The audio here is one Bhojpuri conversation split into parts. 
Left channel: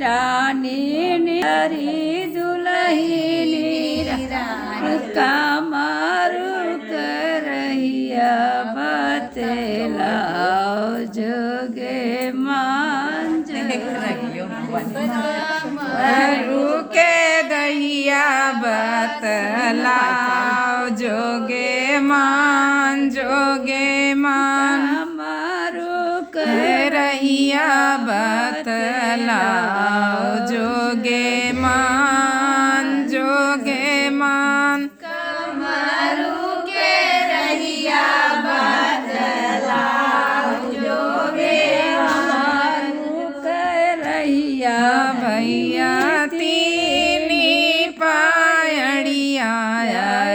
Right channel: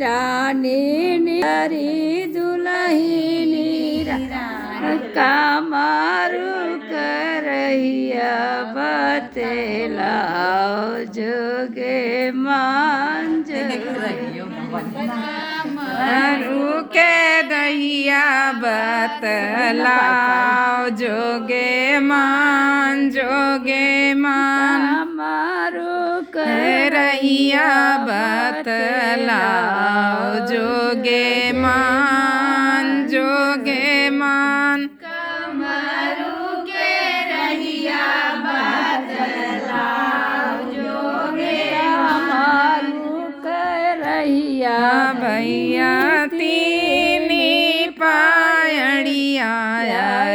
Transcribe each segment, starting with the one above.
रानी हरी दुलही कामारू करैया बतेलाओ जोगे मांझ के दहिया बतलाओ जोगे मान मारू करैया बतलाओ जोगे मान कमरू के रहिया बतलाओ जोगे कमरू के रहिया भैया तीनी पायड़िया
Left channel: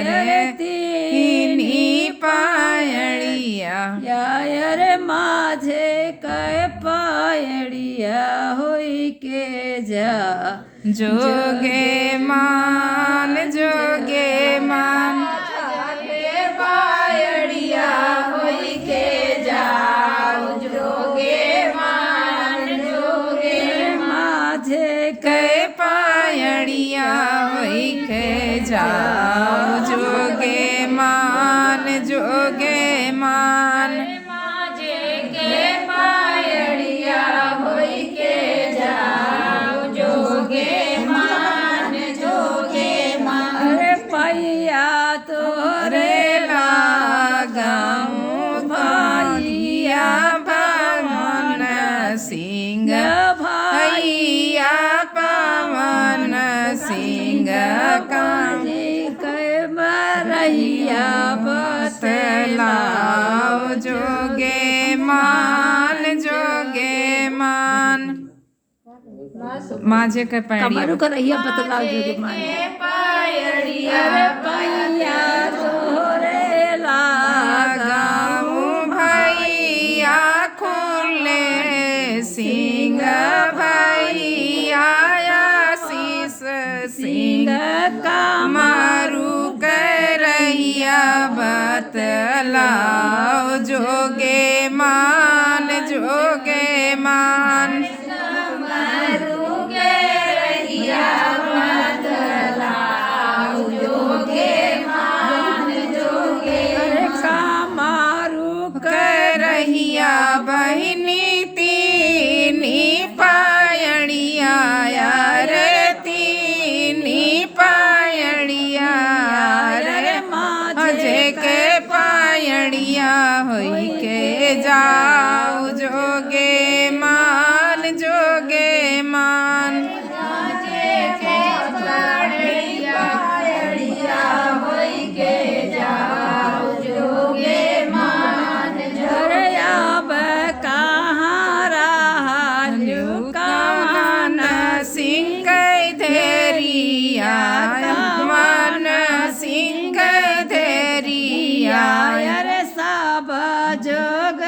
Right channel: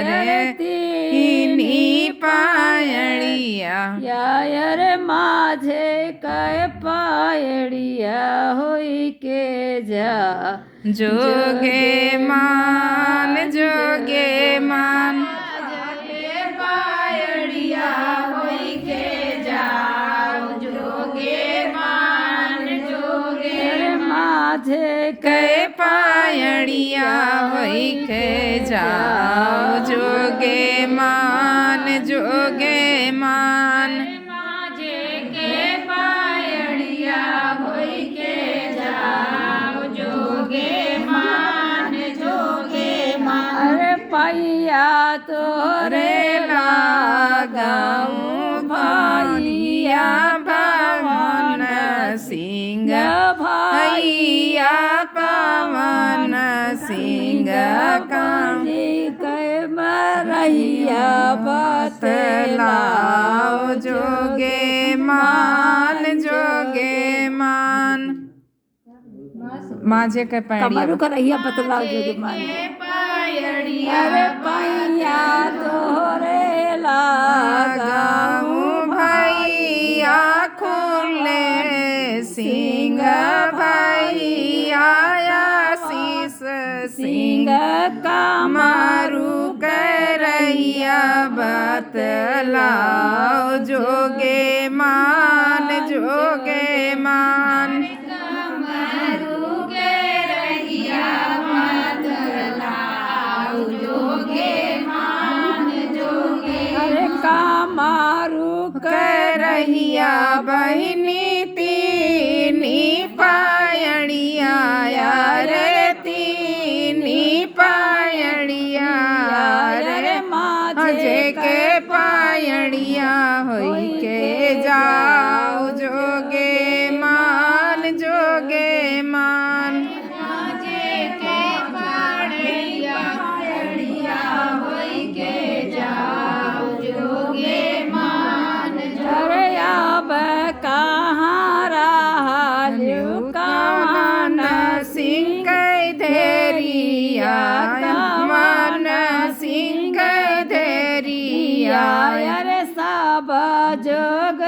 रे तीनी पायड़िया यार माझे कै पायड़िया होई के जा जोगे मान पायड़िया होई के जाओ जोगे माझे कै पायड़िया होई के जाओ जोगे मान माझे के पायड़िया होई के जाओ जोगे मान अरे पैया तोरे लगाऊं भैया पवन सिंह भैया पवन सिंह काजी कै मरैया बतलाओ जोगे मान माझे के कमरू का रहिया बतलाओ जोगे मान अरे पैया तोरे लगाऊं भैया खुले सिंह भैया आशीष सिंह कमरू करैया बतलाओ जोगे मान कमरू के रहिया बतलाओ जोगे मान अरे कमरू करहिया बहिनी तीनी पायड़िया रे तीनी पायड़िया रे माझे के पायड़िया होई के जाओ जोगे मान माझे के पायड़िया होई के जाओ जोगे मान अरे अब कहाँ रहलू कवन सिंह धैरिया कवन सिंह धैरिया अरे सब जोग